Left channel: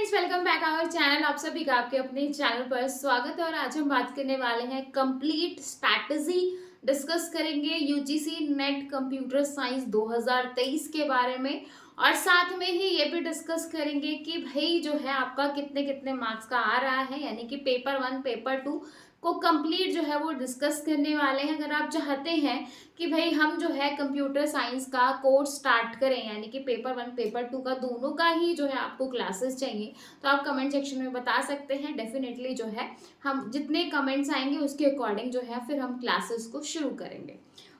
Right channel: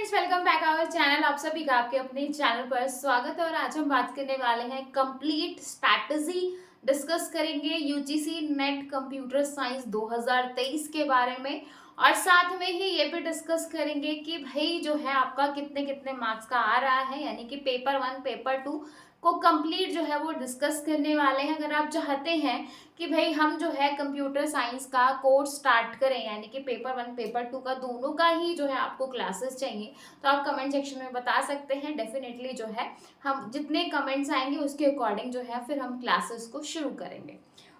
Friends, welcome back our channel. आप सभी का आपके अपने चैनल पर स्वागत है। और आज हम बात करने वाले हैं कंप्लीट स्ट्रैटेजी डिस्कस करेंगे यूजीसी नेट कंप्यूटर साइंस 2023 के बारे में। और साथ में ही ये भी डिस्कस करेंगे कि भाई जो है आपका कितने कितने मार्क्स का आ रहा है, यानी कि पेपर 1 पेपर 2 को कंप्लीट जो है वो डिस्कस करने वाले हैं। अगर आप चाहते हैं कि भाई हम जो है कंप्यूटर साइंस का कोर्स स्टार्ट करें, यानी कि पेपर 1 पेपर 2 का दोनों का ही जो है आपको क्लासेस चाहिए, तो आप कमेंट सेक्शन में बता सकते हैं। डेफिनेटली जो है हम जितने कमेंट्स आएंगे उसके अकॉर्डिंग जो है फिर हम क्लासेस को शुरू करेंगे।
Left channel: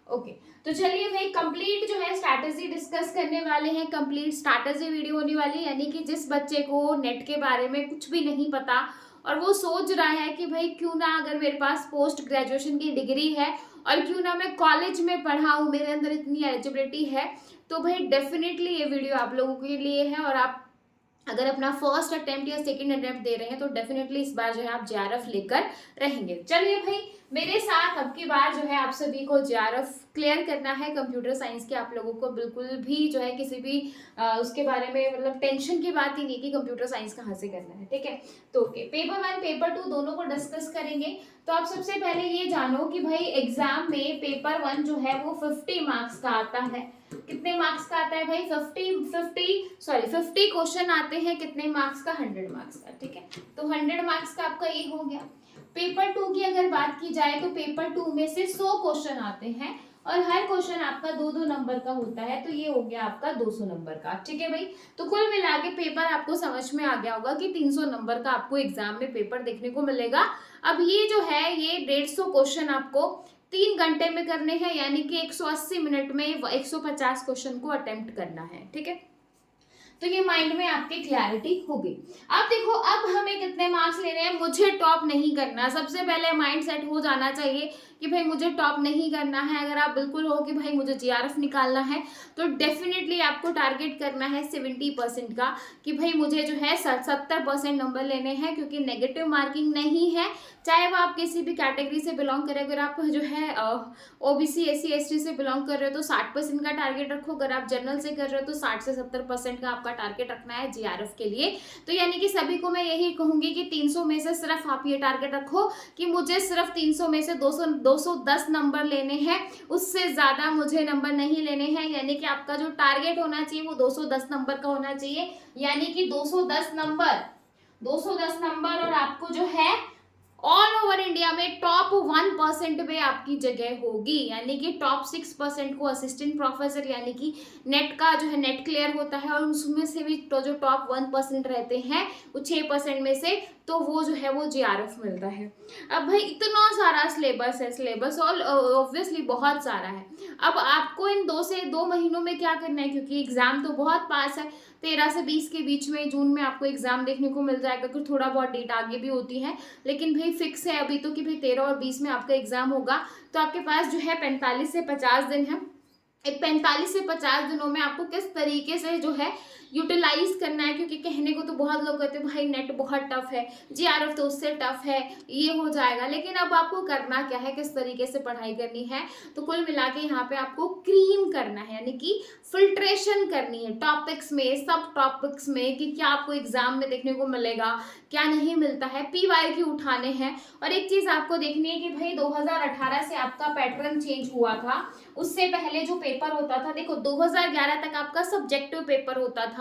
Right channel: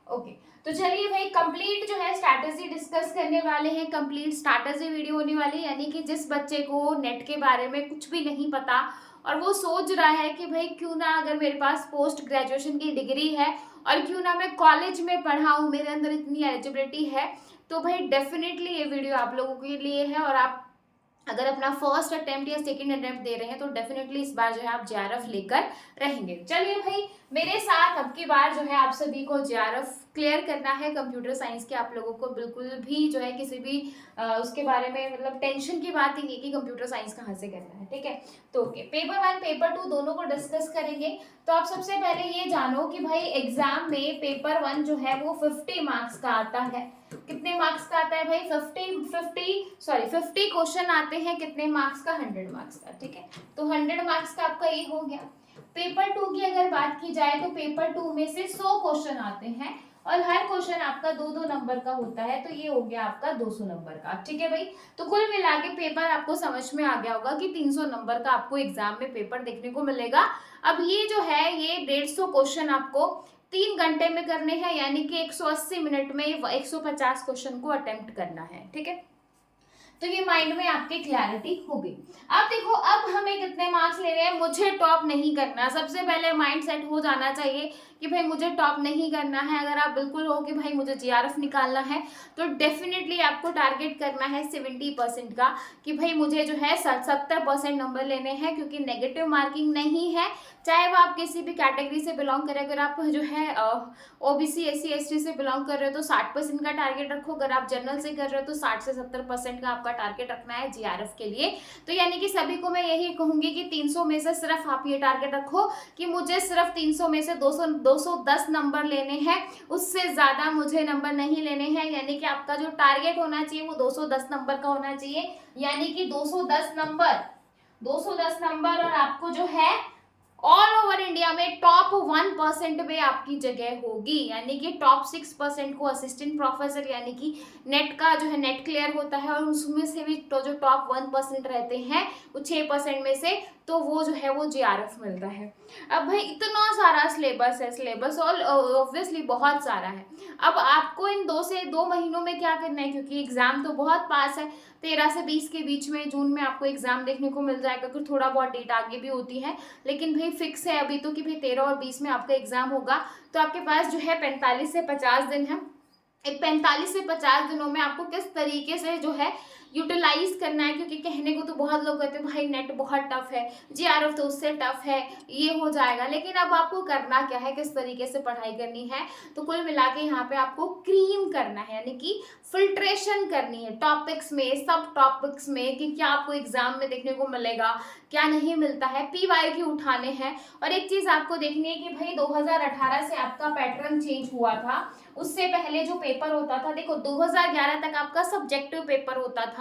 ओके, तो चलिए भाई कंप्लीट जो है स्ट्रैटेजी डिस्कस करने वाले हैं। कंप्लीट स्ट्रैटेजी वीडियो होने वाली है, यानी कि जिस बच्चे को नेट के बारे में कुछ भी नहीं पता और वो सोच रहा है कि भाई क्यों ना, अगर मेरे पास पोस्ट ग्रेजुएशन की डिग्री है और क्यों ना मैं कॉलेज में पढ़ा हूँ, मेरे अंदर इतनी एलिजिबिलिटी है, तो भाई डेफिनेटली ये वीडियो आप लोगों के लिए है। और आप अगर अपना फर्स्ट अटेम्प्ट या सेकंड अटेम्प्ट दे रहे हैं तो डेफिनेटली इस बार जो है आप जेआरएफ लेकर रहेंगे। चलिए भाई, मेरे साथ अब की बार जो है आप सभी को जेआरएफ क्लियर करना है कंप्यूटर साइंस के। आप लोगों को बिल्कुल भी जो है किसी भी उसके बारे में मतलब टेंशन की बात ही नहीं कि कंप्यूटर साइंस कहाँ से करना है, ठीक है। तो ओके, पेपर 1 पेपर 2 दोनों को डिस्कस करेंगे। तो आप सबसे पहले ये जानो कि भाई एग्जाम में पेपर 1 जो है वो 50 मार्क्स का आता है। कितने मार्क्स का आता है भाई? 50 क्वेश्चन आते हैं। कितने मार्क्स का? 100 मार्क्स का, ठीक है। तो 100 मार्क्स का आपका ये हो गया। पेपर 2 की अगर बात की जाए तो पेपर 2 में से 100 क्वेश्चन आते हैं और हर क्वेश्चन आपका 2-2 नंबर का होता है, तो ये हो गया आपका 200 नंबर का, ठीक है भाई। तो कुल मिला के पेपर आपको समझ में आ गया होगा कि 300 नंबर का आपको एग्जाम में पेपर देखने को मिलेगा। अब ये जो है ये 150 क्वेश्चन आपको 3 घंटे में करने हैं, यानी कि 180 मिनट में 150 क्वेश्चन को अटेम्प्ट करना है, ठीक है। तो ये माइंड में आपके क्लैरिटी होगी। अब देखो, अब हमें कितने मार्क्स ले रहे हैं। मुझे टॉप नहीं करना, सबसे पहले माइंड सेट हो जाना चाहिए कि भाई मुझे टॉप नहीं करना है। अगर आप बिल्कुल हो कि भाई मुझे जीआरएफ निकालना है तो डेफिनेटली आपको टारगेट करना है 70% का, कि भाई मुझे जो है 70% नंबर लेने हैं, क्योंकि नेगेटिव मार्किंग नहीं है। चाहे वो आप किसी भी कैटेगरी से बिलोंग करें, अगर आप जो है ओबीसी एससी एसटी से बिलोंग कर रहे हो तो 60% का टारगेट रखो। अगर आप जनरल से कर रहे हो तो 60 से 70% का आपका टारगेट रखना है जीआरएफ के लिए। तो यानी कि सभी को मैं यही कहूंगी कि 300 में से सिर्फ आप ये टारगेट रखो कि मुझे सिर्फ 300 में से 210 नंबर लेने हैं, उससे ज्यादा मुझे नंबर नहीं लेने हैं। यानी कि आपका जो टारगेट होना चाहिए वो 210 नंबर का होना चाहिए, यानी कि 210 नंबर, 210 नंबर। और आपको जो है ऑल ओवर इंडिया में टॉप 1% पे आपकी जगह होगी, यानी कि टॉप 6% को असिस्टेंट प्रोफेसर, यानी कि नेट का जो है नेट क्लियर होता है और उसमें से भी तो जो टॉप 1% रहते हैं वो 6% में से, तो वो जो है वो जीआरएफ मिलता है। अब भाई इतना सारा सिलेबस है, सिलेबस और ऑब्वियसली बहुत सारा है। अब आपको इन 2 महीनों में क्या करना है, क्योंकि एग्जाम तो बहुत पास है, 13 से 20 के बीच में जून में आपको एग्जाम देखने को मिल जाएगा। कुछ थोड़ा बहुत डेट आगे भी होती है, लेकिन भाई फिक्स है अभी तो कि भाई 13 और 20 में आपका एग्जाम होगा। तो आपके पास जो है 45 से 50 दिन है। 45 से 50 दिनों में आपको किस तरीके से जो है यूटिलाइज करना है, क्योंकि कहने को तो बहुत लोग कहते हैं भाई नेट बहुत टफ है, जीआरएफ तो उससे टफ है, ये हो जाएगा, लेकिन अब आपको करना क्या है, किस तरीके से पढ़ाई करनी है। तो कुल मिला के यहाँ पे आपको क्रीम करना है, यानी कि फिल्ट्रेशन करनी है टॉपिक्स में, सब टॉपिक्स में, कि क्या आपको एग्जाम में देखने को मिलेगा, क्या नहीं मिलता है, पीवाईक्यू उठाने हैं। और एक चीज आपको देखनी है कि भाई 2018 से आपका पैटर्न चेंज हुआ था। उससे पहले जो पेपर होता था, देखो 2011 तक आपका सब्जेक्टिव पेपर होता था,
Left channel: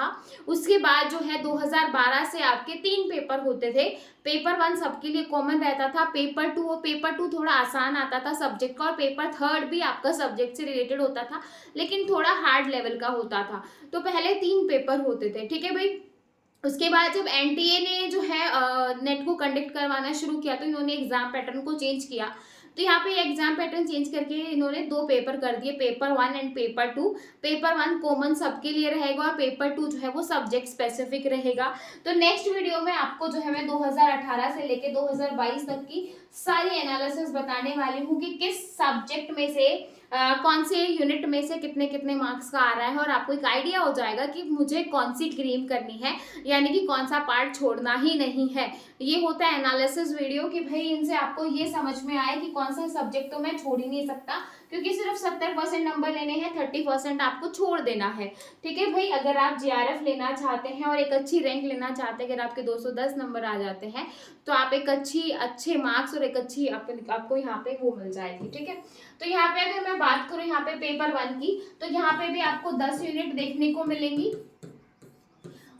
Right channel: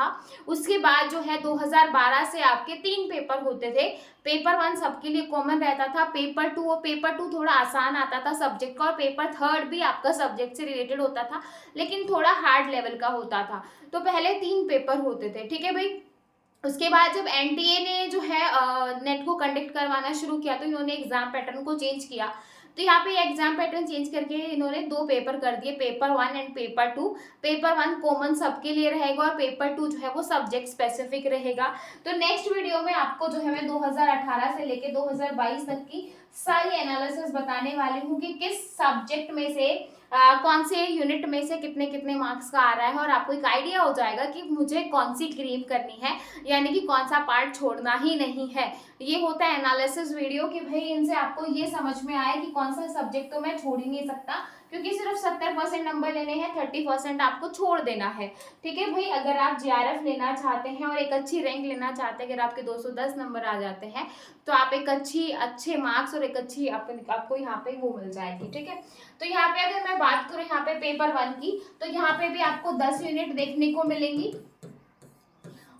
उसके बाद जो है 2012 से आपके 3 पेपर होते थे। पेपर 1 सबके लिए कॉमन रहता था, पेपर 2 और पेपर 2 थोड़ा आसान आता था सब्जेक्ट का, और पेपर 3 भी आपका सब्जेक्ट से रिलेटेड होता था लेकिन थोड़ा हार्ड लेवल का होता था। तो पहले 3 पेपर होते थे, ठीक है भाई। उसके बाद जब एनटीए ने जो है नेट को कंडक्ट करवाना शुरू किया तो इन्होंने एग्जाम पैटर्न को चेंज किया। तो यहाँ पे एग्जाम पैटर्न चेंज करके इन्होंने 2 पेपर कर दिए, paper 1 and paper 2। Paper 1 common सबके लिए रहेगा और पेपर 2 जो है वो सब्जेक्ट स्पेसिफिक रहेगा। तो नेक्स्ट वीडियो में आपको जो है मैं 2018 से लेके 2022 तक की सारी एनालिसिस बताने वाली हूँ कि किस सब्जेक्ट में से कौन से यूनिट में से कितने कितने मार्क्स का आ रहा है, और आपको एक आइडिया हो जाएगा कि मुझे कौन सी क्रीम करनी है, यानी कि कौन सा पार्ट छोड़ना ही नहीं है। ये होता है एनालिसिस वीडियो कि भाई इनसे आपको ये समझ में आए कि कौन सा सब्जेक्ट तो मैं छोड़ ही नहीं सकता, क्योंकि सिर्फ 70% नंबर लेने हैं, 30% आपको छोड़ देना है। ठीक है भाई, अगर आप जीआरएफ लेना चाहते हैं और एक अच्छी रैंक लेना चाहते हैं, अगर आपके 210 नंबर आ जाते हैं तो आप एक अच्छे मार्क्स और एक अच्छी आपको यहाँ पे वो मिल जाएगी। ठीक है, तो यहाँ पे अगर मैं बात करूँ यहाँ पे पेपर 1 की, तो यहाँ पे भी आपको 10 यूनिट देखने को मिलेंगी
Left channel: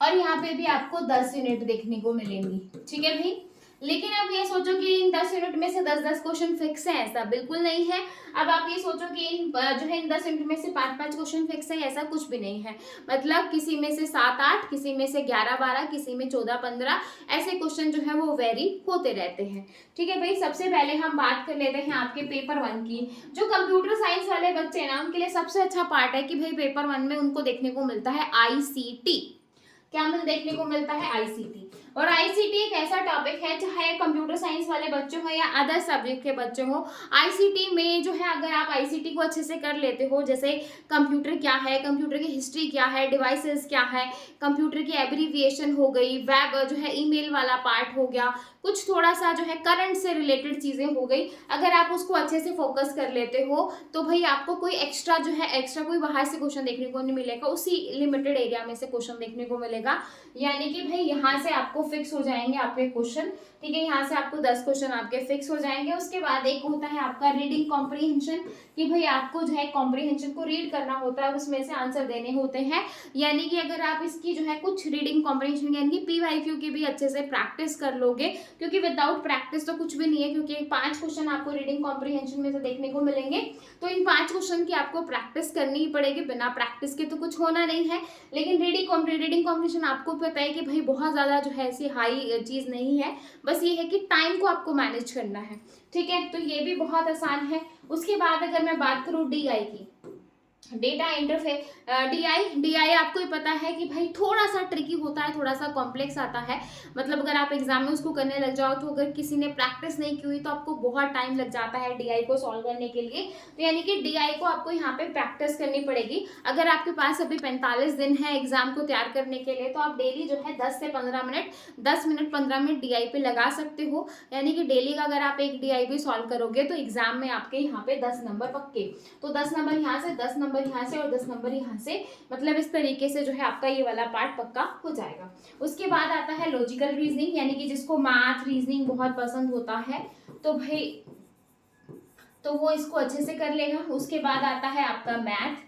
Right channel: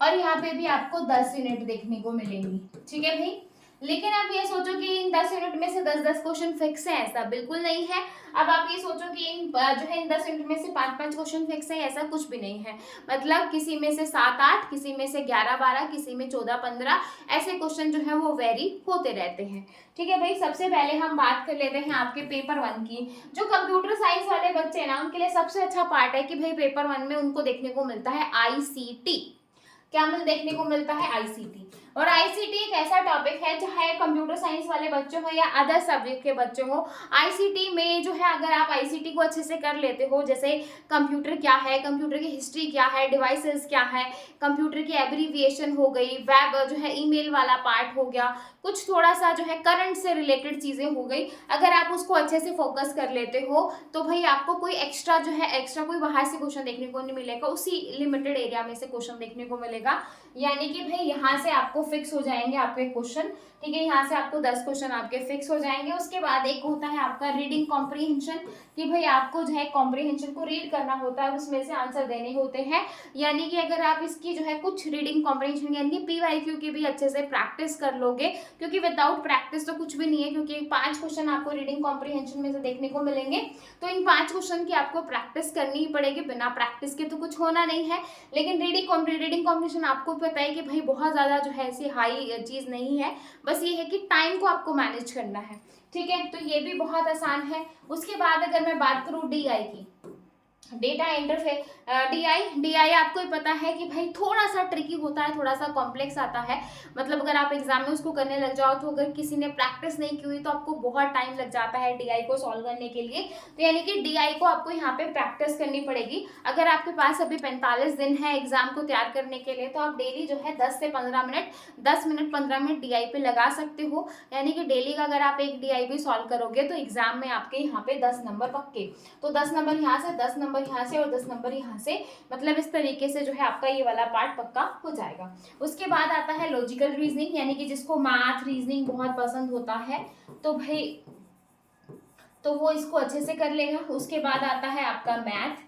और यहाँ पे भी आपको 10 यूनिट देखने को मिलेंगी। ठीक है भाई, लेकिन आप ये सोचो कि इन 10 यूनिट में से 10-10 क्वेश्चन फिक्स है, ऐसा बिल्कुल नहीं है। अब आप ये सोचो कि इन जो है इन 10 यूनिट में से 5-5 क्वेश्चन फिक्स है, ऐसा कुछ भी नहीं है। मतलब किसी में से 7-8, किसी में से 11-12, किसी में 14-15, ऐसे क्वेश्चन जो है वो वेरी होते रहते हैं। ठीक है भाई, सबसे पहले हम बात कर लेते हैं आपके पेपर 1 की। जो कंप्यूटर साइंस वाले बच्चे ना, उनके लिए सबसे अच्छा पार्ट है कि भाई पेपर 1 में उनको देखने को मिलता है ICT। क्या हमें देखने को मिलता है? ICT। और ICT एक ऐसा टॉपिक है, चाहे कंप्यूटर साइंस वाले बच्चे हो या अदर सब्जेक्ट के बच्चे हो, ICT में जो है अगर आप ICT को अच्छे से कर लेते हो, जैसे कंप्यूटर क्या है, कंप्यूटर की हिस्ट्री क्या है, डिवाइसेस क्या है, कंप्यूटर की एब्रीविएशन हो गई, वेब जो है ईमेल वाला पार्ट हो गया, कुछ थोड़ा सा जो है करंट से रिलेटेड चीज़ें हो गई, अगर आप उसको अच्छे से फोकस कर लेते हो तो भाई आपको कोई एक्स्ट्रा कोई बाहर से क्वेश्चन देखने को नहीं मिलेगा, उसी लिमिटेड एरिया में से क्वेश्चन देखने को मिलेगा। यानी कि भाई यहाँ से आपको फिक्स हो जाएंगे आपके क्वेश्चन। ठीक है, यहाँ से आपको 10 क्वेश्चन आपके फिक्स हो जाएंगे। उसके बाद एक होता है आपका रीडिंग कॉम्प्रीहेंशन, कि भाई आपको जो है कॉम्प्रीहेंशन को रीड करना होता है, उसमें से आंसर देने होते हैं। यानी कि अगर आप इसकी जो है कुछ रीडिंग कॉम्प्रीहेंशन यानी कि PYQ की भी अच्छे से प्रैक्टिस कर लोगे, क्योंकि विदाउट प्रैक्टिस तो कुछ भी नहीं है, क्योंकि 5 क्वेश्चन आपको रीडिंग कॉम्प्रीहेंशन में से देखने को मिलेंगे, तो इन 5 क्वेश्चन की आपको प्रैक्टिस करनी ही पड़ेगी, बिना प्रैक्टिस के तो कुछ होना नहीं है। लेकिन रीडिंग कॉम्प्रीहेंशन आपको पता है कि भाई बहुत ज़्यादा जो है ऐसी हाई चीज़ नहीं है, बस ये है कि टाइम को आपको मैनेज करना है। ठीक है, तो ये भी बहुत आसान है। उसके बाद अगर मैं बात करूँ DI की, डेटा इंटरफेस, DI आपको ही पता है कि भाई थोड़ा सा ट्रिकी होता है, थोड़ा सा कॉम्प्लेक्स आता है। मतलब अगर आप एग्जाम में उसको करने लग जाओ तो अगर किसी ने प्रैक्टिस नहीं की हुई तो आपको बहुत टाइम लग जाता है DI को सॉल्व करने के लिए। तो यानी कि DI को आपको यहाँ पे प्रैक्टिस करनी पड़ेगी। अगर आपके पास अभी 45 दिन है एग्जाम को तैयार करने के लिए, तो आप डेली जो है 10 से 15 मिनट 10 मिनट 15 मिनट DI पे लगा सकते हो। यानी कि डेली का अगर आप एक DI भी सॉल्व करोगे तो एग्जाम में आपके यहाँ पे 10 नंबर पक्के। तो 10 नंबर यहाँ से, 10 नंबर यहाँ से और 10 नंबर यहाँ से, मतलब इस तरीके से जो है आपका ये वाला पार्ट पक्का हो जाएगा। उसके बाद आता है लॉजिकल रीजनिंग, यानी कि जिसको मैथ रीजनिंग बहुत पसंद होता है तो भाई तो वो इसको अच्छे से कर लेगा। उसके बाद आता है आपका मैथ।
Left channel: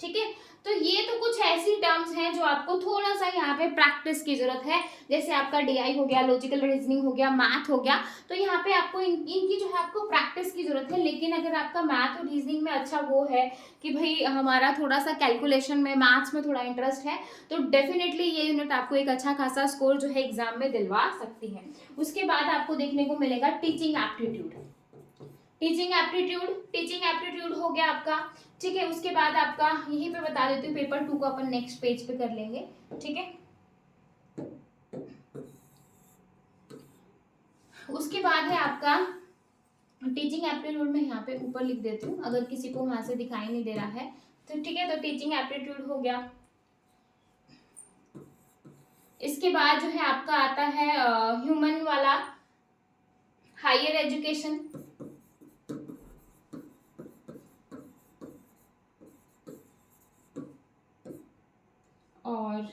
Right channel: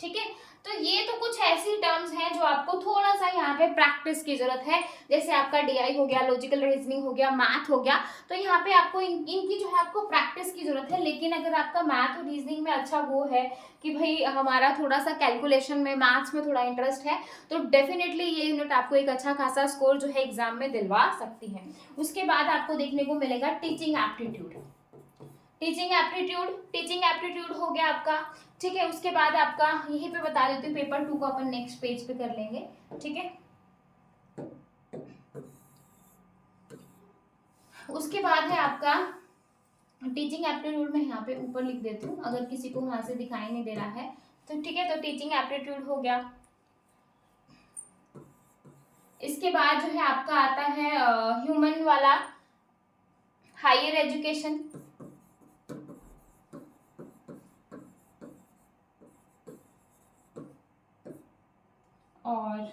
ठीक है, तो ये तो कुछ ऐसी टर्म्स हैं जो आपको थोड़ा सा यहाँ पे प्रैक्टिस की जरूरत है। जैसे आपका DI हो गया, लॉजिकल रीजनिंग हो गया, मैथ हो गया, तो यहाँ पे आपको इनकी जो है आपको प्रैक्टिस की जरूरत है। लेकिन अगर आपका मैथ और रीजनिंग में अच्छा वो है कि भाई हमारा थोड़ा सा कैलकुलेशन में, मैथ्स में थोड़ा इंटरेस्ट है, तो डेफिनेटली ये यूनिट आपको एक अच्छा खासा स्कोर जो है एग्जाम में दिलवा सकती है। उसके बाद आपको देखने को मिलेगा टीचिंग एप्टीट्यूड। टीचिंग एप्टीट्यूड हो गया आपका। ठीक है, उसके बाद आपका यहीं पे बता देती हूँ, पेपर 2 को अपन नेक्स्ट पेज पे कर लेंगे। ठीक है, उसके बाद है आपका टीचिंग एप्टीट्यूड, में यहाँ पे ऊपर लिख देती हूँ अगर किसी को वहां से दिखाई नहीं दे रहा है तो। ठीक है, तो टीचिंग एप्टीट्यूड हो गया। इसके बाद जो है आपका आता है ह्यूमन वाला, हायर एजुकेशन। और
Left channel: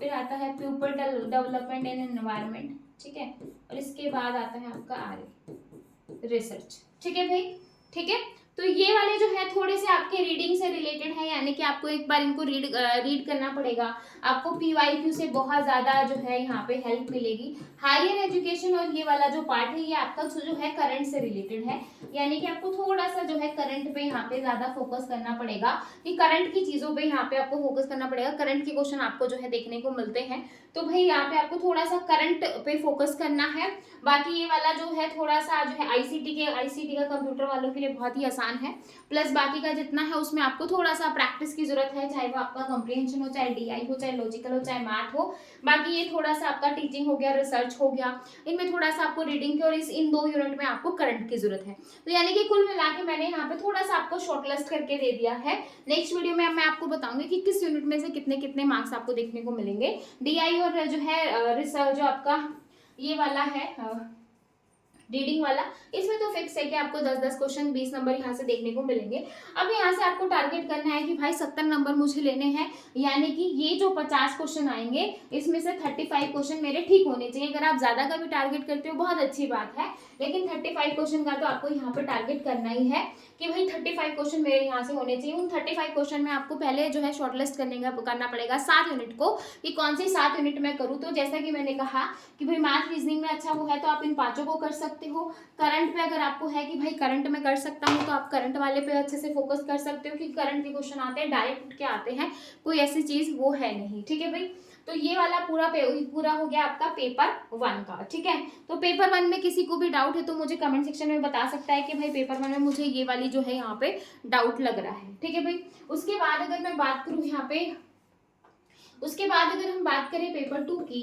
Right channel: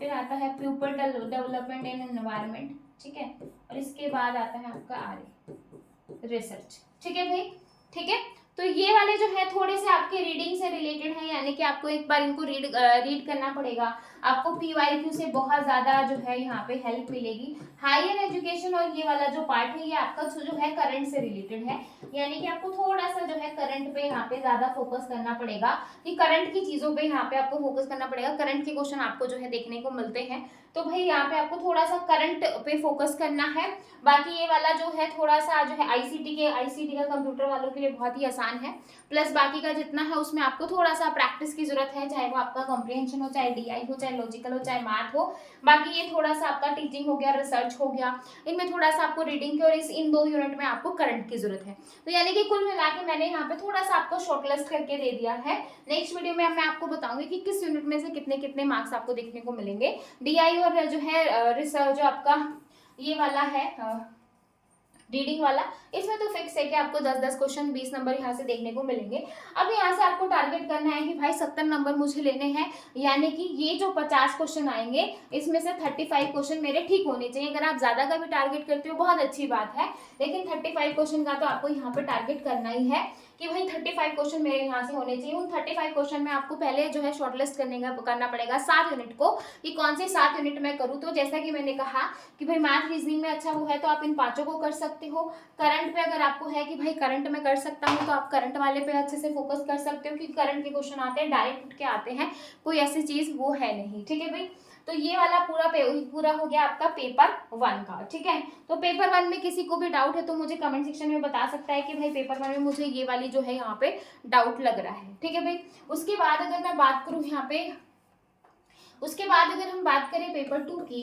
फिर आता है प्यूपल डेवलपमेंट इन एनवायरनमेंट। ठीक है, और इसके बाद आता है आपका RA रिसर्च। ठीक है भाई, ठीक है, तो ये वाले जो है थोड़े से आपके रीडिंग से रिलेटेड है, यानी कि आपको एक बार इनको रीड करना पड़ेगा। आपको PYQ से बहुत ज़्यादा जो है यहाँ पे हेल्प मिलेगी। हायर एजुकेशन और ये वाला जो पार्ट है ये आपका जो है करंट से रिलेटेड है, यानी कि आपको थोड़ा सा जो है करंट पे यहाँ पे ज़्यादा फोकस करना पड़ेगा, कि करंट की चीज़ों पे यहाँ पे आपको फोकस करना पड़ेगा। करंट के क्वेश्चन आपको जो है देखने को मिलते हैं, तो भाई यहाँ पे आपको थोड़ा सा करंट पे फोकस करना है। बाकी ये वाला जो है थोड़ा सा जो है ICT का कंप्यूटर वालों के लिए बहुत ही आसान है। प्लस बाकी का जितना है उसमें आपको थोड़ा सा प्रैक्टिस की जरूरत है, चाहे वो आपका कॉम्प्रिहेंशन हो, चाहे DI हो, चाहे लॉजिकल हो, चाहे मैथ हो। बाकी ये थोड़ा सा आपका टीचिंग हो गया, रिसर्च हो गया, इनमें थोड़ा सा आपको रीडिंग की और इन 2 यूनिट में आपको करंट की जरूरत है। तो यानी कि कुल मिला के मैंने यहाँ पे थोड़ा सा आपको शॉर्टलिस्ट करके दे दिया है। नेक्स्ट वीडियो में मैं आपको बताऊंगी कि किस यूनिट में से कितने कितने मार्क्स आपको देखने को मिलेंगे। DI और जो है रिसर्च जो आपका ये वाला है रीडिंग वाला, इसमें तो फिक्स है कि आपको 10-10 क्वेश्चन 20 नंबर यहाँ से देखने को मिलेंगे। अब यहाँ से आपको टारगेट करना है कि भाई 70 नंबर मुझे लेने हैं, यानी कि ये जो 50 क्वेश्चन आएंगे इसमें से 35 क्वेश्चन मेरे ठीक होने चाहिए। अगर आप ज्यादा का भी टारगेट करते हो बहुत अच्छी बात है, लेकिन 35 क्वेश्चन का तो आपको यहाँ पे टारगेट करना ही है कि भाई 35 क्वेश्चन मेरे यहाँ से होने चाहिए। उन 35 क्वेश्चन में आपको पहले जो है शॉर्टलिस्ट करना पड़ेगा 7 यूनिट को, कि कौन से 7 यूनिट मैं करूँ। तो जैसा कि मैंने कहा कि भाई मैथ रीजनिंग में अच्छा वो है तो आप इन 5 को कर सकते हो। करंट पे अगर आपको है कि भाई करंट में कर सकता हूँ तो आप करंट वाले पे अच्छे से फोकस कर सकते हो, क्योंकि करंट के क्वेश्चन आते हैं डायरेक्ट उठ के आते हैं, कोई ऐसी चीज वो है नहीं। ठीक है भाई, तो ये वाला पूरा हो गया आपका पेपर 1 का। ठीक है, तो पेपर 1 में किसी को भी डाउट है तो मुझे कमेंट सेक्शन में बता सकता है कि भाई पेपर 1 में मुझे ये वाली जो है यहाँ पे डाउट लग रहा है। ठीक है भाई, उसके बाद अगर मैं बात करूँ यहाँ पे, उसके बाद अगर हम बात करें पेपर 2 की,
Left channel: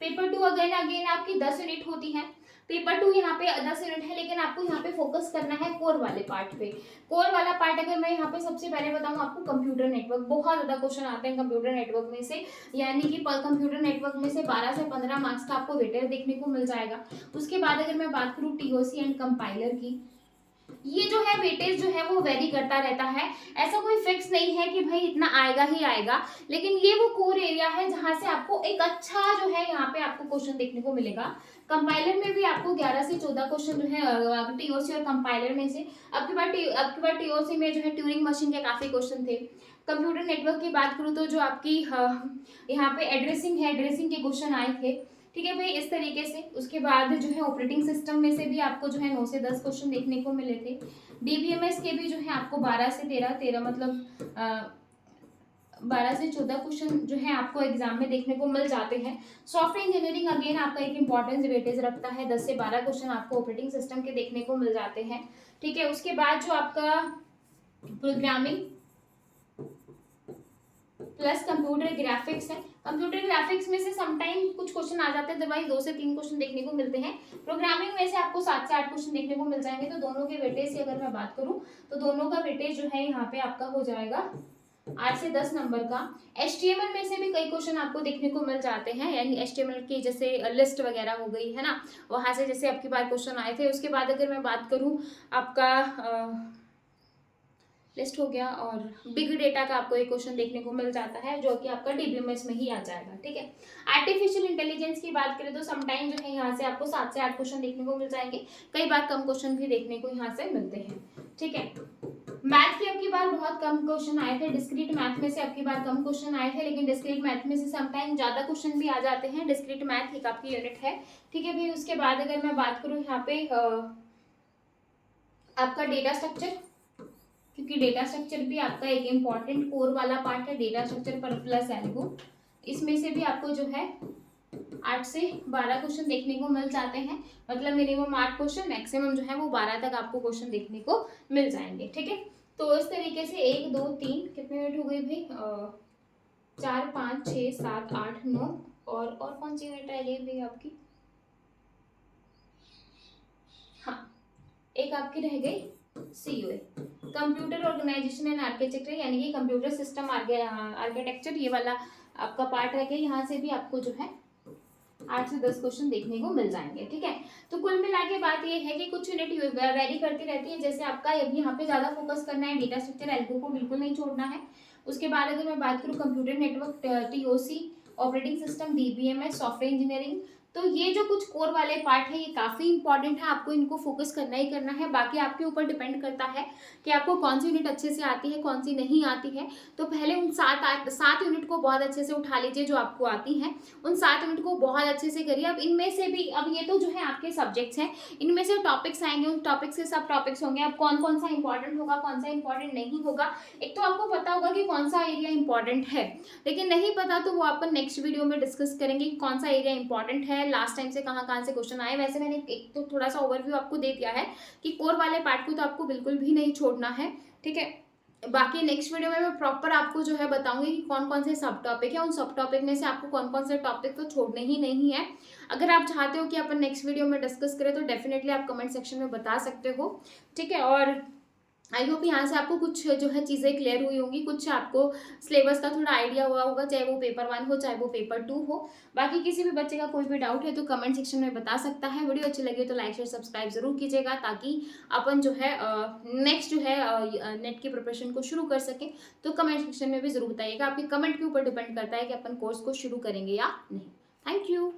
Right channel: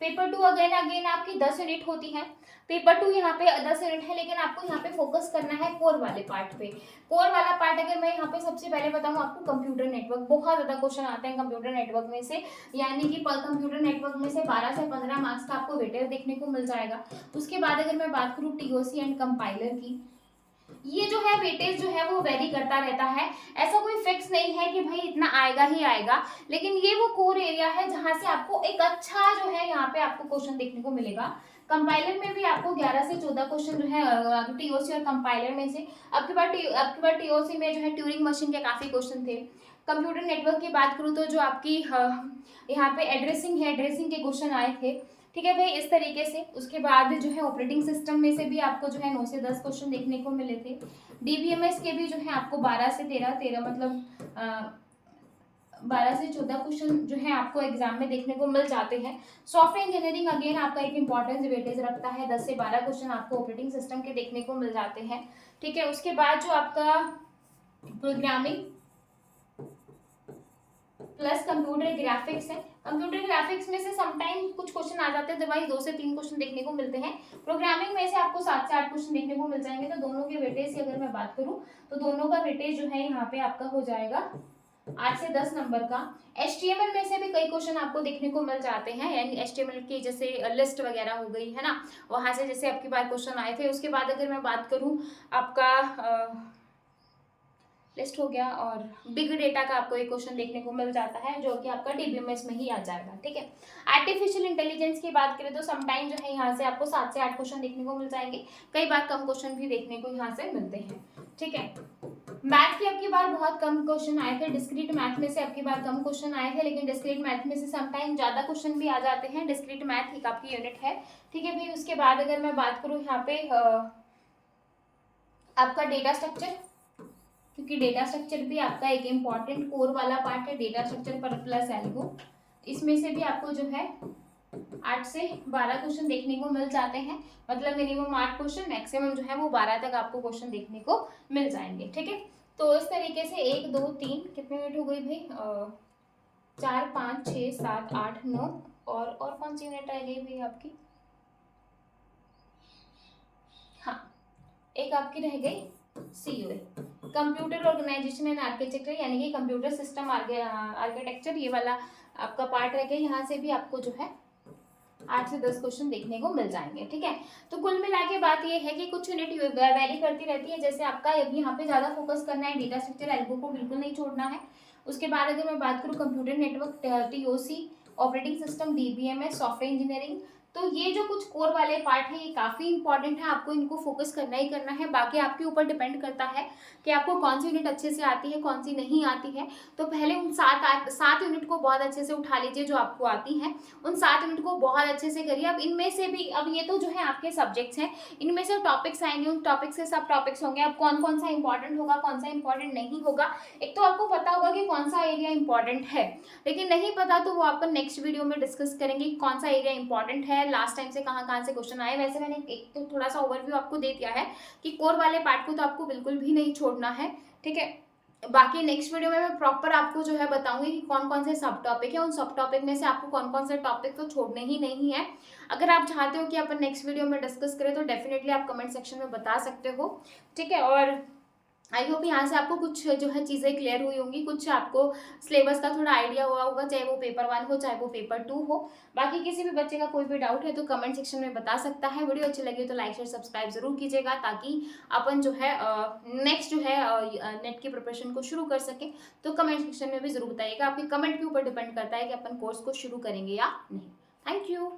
पेपर 2 अगेन आपकी 10 यूनिट होती है। पेपर 2 यहाँ पे 10 यूनिट है, लेकिन आपको यहाँ पे फोकस करना है कोर वाले पार्ट पे। कोर वाला पार्ट अगर मैं यहाँ पे सबसे पहले बताऊँ आपको, कंप्यूटर नेटवर्क, बहुत ज्यादा क्वेश्चन आते हैं कंप्यूटर नेटवर्क में से, यानी कि कंप्यूटर नेटवर्क में से 12 से 15 मार्क्स का आपको वेटेज देखने को मिल जाएगा। उसके बाद अगर मैं बात करूँ टीओसी एंड कंपाइलर की, ये जो है वेटेज जो है वो वेरी करता रहता है, ऐसा कोई फिक्स नहीं है कि भाई इतना आएगा ही आएगा, लेकिन ये वो कोर एरिया है जहां से आपको एक अच्छा जो है यहाँ पे आपको क्वेश्चन देखने को मिलेगा। कंपाइलर में भी आपको 11 से 14 क्वेश्चन जो है टीओसी और कंपाइलर में से। अब की बार टीओसी में जो है ट्यूरिंग मशीन के काफी क्वेश्चन थे। कंप्यूटर नेटवर्क की बात करूँ तो जो आपकी यहाँ पे एड्रेसिंग है, एड्रेसिंग के क्वेश्चन आए थे। ठीक है भाई, इस तरीके से। उसके बाद जो है ऑपरेटिंग सिस्टम में से भी आपको जो है 9 से 10 क्वेश्चन देखने को मिले थे। डीबीएमएस के भी जो है आपको 12 से 13 मतलब 12 से 14 क्वेश्चन जो है आपको एग्जाम में देखने को मिल जाते हैं। सॉफ्टवेयर इंजीनियरिंग अगेन आपका एक इंपॉर्टेंस वेटेज रखता है, 10 से 12 क्वेश्चन आपको ऑपरेटिंग सिस्टम के देखने को मिल जाते हैं। ठीक है, उसके बाद जो आपका प्रोग्रामिंग प्लस कंप्यूटर ग्राफिक्स है, कंप्यूटर ग्राफिक्स में से समटाइम कुछ क्वेश्चन आ जाते हैं, अदरवाइज 2 से 3 क्वेश्चन देखने को मिलते हैं। प्रोग्रामिंग में से आपको 7 से 8 क्वेश्चन देखने को मिल जाएंगे। तो दोनों के वेटेज की अगर मैं बात करूं तो दोनों का वेटेज जो है यहाँ पे आपका हो जाएगा 8 से 10 नंबर का। HTML में से भी कई क्वेश्चन आपको देखने को मिल जाते हैं, यानी HTML की जैसे लिस्ट वगैरह हो गई है ना, वहां से जैसे आपकी बार क्वेश्चन आए थे। उसके बाद अगर मैं बात करूं आपका लिस्ट हो गया, और बिग डेटा का आपको एक क्वेश्चन देखने को मिल जाता है जो कि आपका डीबीएमएस में ही आ जाएगा। ठीक है, आर्टिफिशियल इंटेलिजेंस की बात करें तो समटाइम जो है यहाँ से आपको 7 से 8 क्वेश्चन देखने को मिल जाएंगे, कई बार कम क्वेश्चन भी देखने को यहाँ से मिलते हैं। ठीक है, मैथ की आपकी बार बहुत कम क्वेश्चन आए थे, डिस्क्रीट मैथ में से आपकी बार कम क्वेश्चन आए थे, लेकिन डिस्क्रीट मैथ में से समटाइम ज्यादा क्वेश्चन भी आ जाते हैं। डिस्क्रीट मैथ एक आपकी यूनिट है। ठीक है भाई, उसके बाद अगर मैं बात करूँ यहाँ पे आपका डेटा स्ट्रक्चर, क्योंकि डेटा स्ट्रक्चर भी आपका एक इम्पॉर्टेंट कोर वाला पार्ट है, डेटा स्ट्रक्चर पर प्लस एल्गो, इसमें से भी आपको जो है 8 से 12 क्वेश्चन देखने को मिल जाते हैं, मतलब मिनिमम 8 क्वेश्चन, मैक्सिमम जो है वो 12 तक आपको क्वेश्चन देखने को मिल जाएंगे। ठीक है, तो इस तरीके से 1 2 3 कितने मिनट हो गई भाई, 4 5 6 7 8 9, और कौन सी यूनिट रह गई भाई आपकी, हाँ एक आपकी रह गई COA, computer organisation and architecture, यानी कि कंप्यूटर सिस्टम आर्किटेक्चर, ये वाला आपका पार्ट रह गया। यहाँ से भी आपको जो है 8 से 10 क्वेश्चन देखने को मिल जाएंगे। ठीक है, तो कुल मिला के बात ये है कि कुछ यूनिट वेरी करती रहती है, जैसे आपका अभी यहाँ पे ज्यादा फोकस करना है, डेटा स्ट्रक्चर एल्गो को बिल्कुल नहीं छोड़ना है। उसके बाद अगर मैं बात करूँ computer network, TOC, operating system, DBMS, software engineering, तो ये जो कुछ कोर वाले पार्ट है ये काफी इंपॉर्टेंट है, आपको इनको फोकस करना ही करना है। बाकी आपके ऊपर डिपेंड करता है कि आपको कौन सी यूनिट अच्छे से आती है, कौन सी नहीं आती है। तो पहले उन 7 यूनिट को बहुत अच्छे से उठा लीजिए जो आपको आती हैं, उन 7 यूनिट को बहुत अच्छे से करिए। अब इनमें से भी, अब ये तो जो है आपके सब्जेक्ट्स हैं, इनमें से टॉपिक्स आएंगे, उन टॉपिक्स के सब टॉपिक्स होंगे। अब कौन कौन सा इंपॉर्टेंट होगा, कौन सा इंपॉर्टेंट नहीं होगा, एक तो आपको पता होगा कि कौन सा एरिया इंपॉर्टेंट है, लेकिन नहीं पता तो वो अपन नेक्स्ट वीडियो में डिस्कस करेंगे कि कौन सा एरिया इंपॉर्टेंट है, लास्ट टाइम से कहाँ से क्वेश्चन आए। वैसे मैंने एक तो थोड़ा सा ओवरव्यू आपको दे दिया है कि कोर वाले पार्ट को तो आपको बिल्कुल भी नहीं छोड़ना है। ठीक है, बाकी नेक्स्ट वीडियो में मैं प्रॉपर आपको जो है बताऊंगी कि कौन कौन से सब टॉपिक है, उन सब टॉपिक में से आपको कौन कौन से टॉपिक तो छोड़ने ही नहीं है। अगर आप चाहते हो कि अपन नेक्स्ट वीडियो में डिस्कस करें तो डेफिनेटली आप कमेंट सेक्शन में बता सकते हो। ठीक है, और आई होप यहाँ से आपको कुछ जो है चीज़ें क्लियर हुई होंगी, कुछ आपको सिलेबस का थोड़ा आइडिया हुआ होगा, चाहे वो पेपर 1 हो, चाहे वो पेपर 2 हो। बाकी किसी भी बच्चे का कोई भी डाउट है तो कमेंट सेक्शन में बता सकता है। वीडियो अच्छी लगी तो लाइक शेयर सब्सक्राइब ज़रूर कीजिएगा, ताकि अपन जो है नेक्स्ट जो है नेट की प्रिपरेशन को शुरू कर सकें। तो कमेंट सेक्शन में भी ज़रूर बताइएगा, आपके कमेंट के ऊपर डिपेंड करता है कि अपन कोर्स को शुरू करेंगे या नहीं। Thank you.